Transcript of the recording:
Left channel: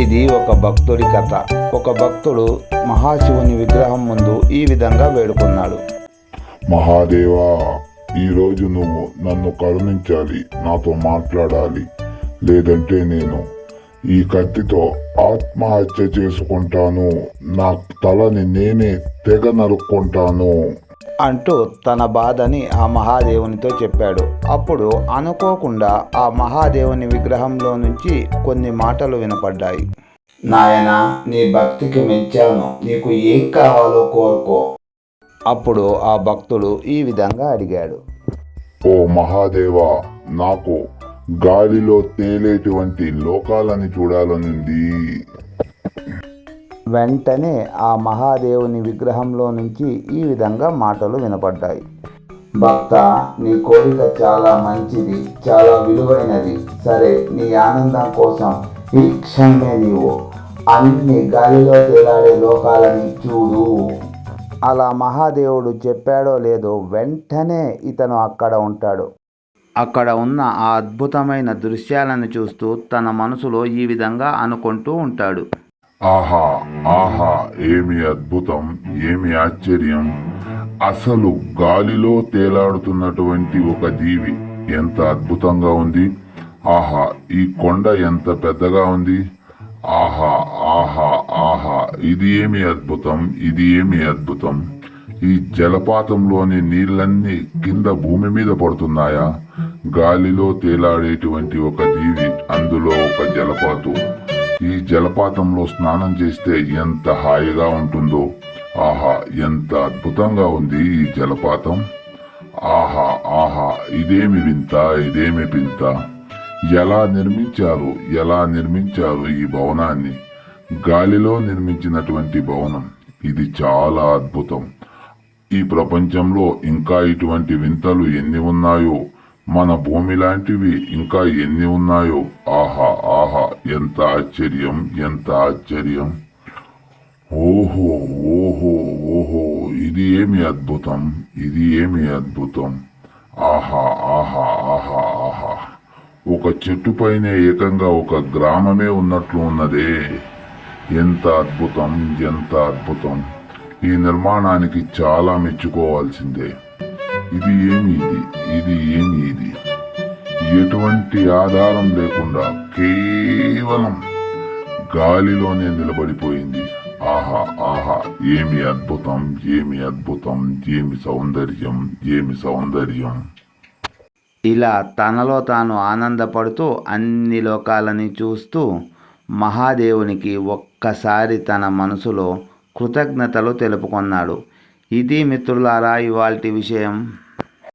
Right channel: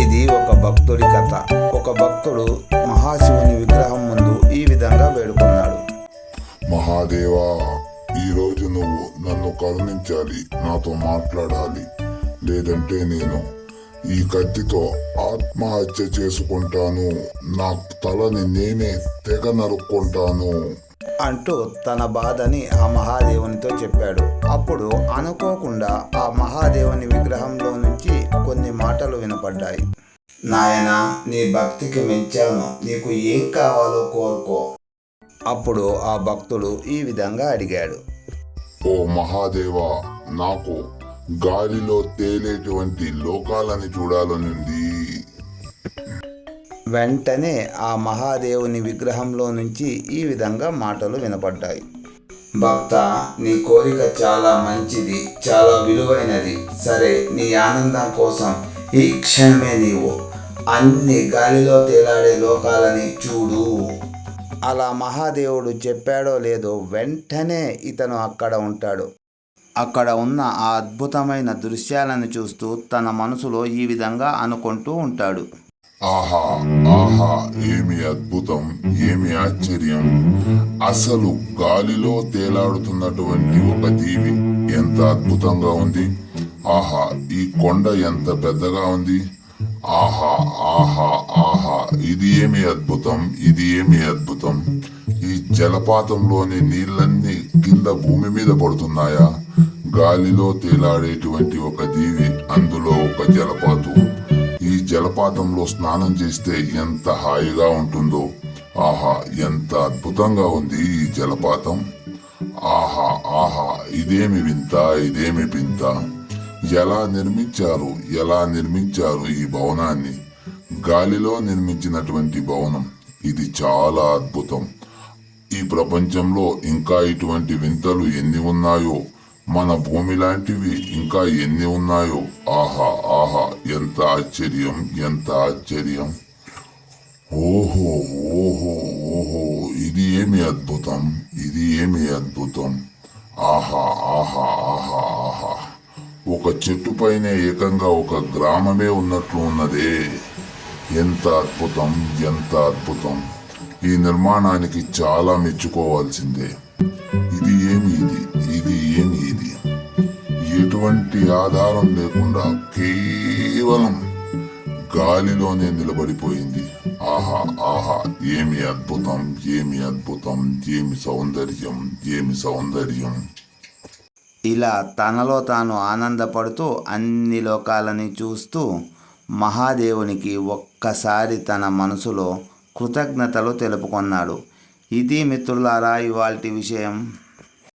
ఇది ఒక భక్తుడి కథ. ఒక భక్తుడు మహాశివుని విగ్రహం ముందు ఈ విధంగా వేడుకున్నాడు. మహాదేవా, ఈరోజు నువ్వు నన్ను కరుణించాలి, నాతో మాట్లాడాలి. లేదంటే నేను ఈ కత్తితో ఆత్మహత్య చేసుకుంటాను. నా తలని నేనే తెగ నరుక్కుంటాను అంటూ తన బాధని ఆ మహాదేవునితో చెప్పాడు. అప్పుడు అనుకోకుండా ఆ మహాదేవుని విగ్రహంలో నుంచి కొన్ని మాటలు వినపడ్డాయి. నాయనా, నీ భక్తికి మెచ్చాను, నీకు ఏం కావాలో కోరుకో. అప్పుడు ఆ భక్తుడు ఈ విధంగా అడిగాడు. ఓ మహాదేవా, నాకు గాలిలో తేలేటువంటి లోకాలని చూడాలనుంది. వెంటనే ఆ మహాదేవుని విగ్రహంలో నుంచి ఈ విధంగా మాటలు వినపడ్డాయి. భక్త, నీ కోరిక చాలా మంచిది, చాలా విలువైనది. సరే, నీ ఆనందం కోసం ఈ క్షణమే నీవు అన్ని గాలిలో తేలాడే లోకాలని చూడు. అలా మహాదేవుడు చెప్పాడో లేదో వెంటనే ఇతను అక్కడ ఉంటాడు. అక్కడ ఉన్న ఆ అద్భుతమైన దృశ్యాలను చూస్తూ తన మనసులో ఈ విధంగా అనుకుంటూ ఉంటాడు. ఆహా ఆహా, ఏమి అద్భుతం, ఏమి ఆశ్చర్యం! అసలు గాలిలో తేలాడుతున్నటువంటి ఒక జీవి ఎంత అద్భుతంగా ఉంది! ఆహా, ఈ కొండ ఎంత పెద్దగా ఉంది! ఆహా ఆహా ఆహా, ఇది ఏమి అద్భుతం, ఇది ఏమి అద్భుతం! ఈ జలపాతంలోని నీళ్ళన్నీ కింద భూమి మీద పడుతున్నాయా? గాలిలో తేలాడేటువంటి ఒక జీవి, అందులో ఒక జలపాతం. ఈ జలపాతంలో స్నానం చేస్తే ఎంత హాయిగా ఉంటుందో! ఆహా, ఎంత అద్భుతంగా ఉంది ఈ జలపాతం! ఆహా ఆహా, ఇదేమి వింత, ఇదేమి వింత! ఎలా నిర్మించారు, ఎలా నిర్మించారు ఈ భవనాన్ని? గాలిలో నిర్మించినటువంటి భవనం ఇది చాలా అద్భుతం. ఈ ప్రపంచంలో ఇంకా ఇటువంటి వింతలు ఎన్ని ఉన్నాయో, మన భూమి లాంటివి ఇంకా ఎన్ని ఉన్నాయో! ఆహా ఆహా, ఎంత ఆశ్చర్యం, ఎంత ఆశ్చర్యం! ఓహో ఓహో ఓహో, ఇది ఏమి అద్భుతం, ఇది ఏమి అద్భుతం! ఆహా ఆహా ఆహా ఆహా, ఒక చెట్టు పైన ఏకంగా ఒక గ్రామమే ఉన్నట్లు ఉన్నదే! ఎంత అద్భుతం, ఎంత అద్భుతం! ఈ నిర్మాణానికి చాలా మెచ్చుకోవాల్సిందే. ఇది ఏమి ఇది, ఇది ఏమి ఇది? ఎటువంటి ఆధారం లేకుండా కేవలం గాలిలోనే నిలబడిపోయింది. ఆహా ఆహా, ఏమి అద్భుతం, ఏమి అద్భుతం, ఏమి సౌందర్యం, ఏమి సౌందర్యం! ఇలా తనలో తాను ఆనందపడుతూ అన్ని లోకాలని చూస్తూ మహాదేవునికి ఒక్కసారి తన మనసులో కృతజ్ఞతలు తెలుపుకున్నాడు. ఇది మిత్రులారా ఇవాల్టి విషయం.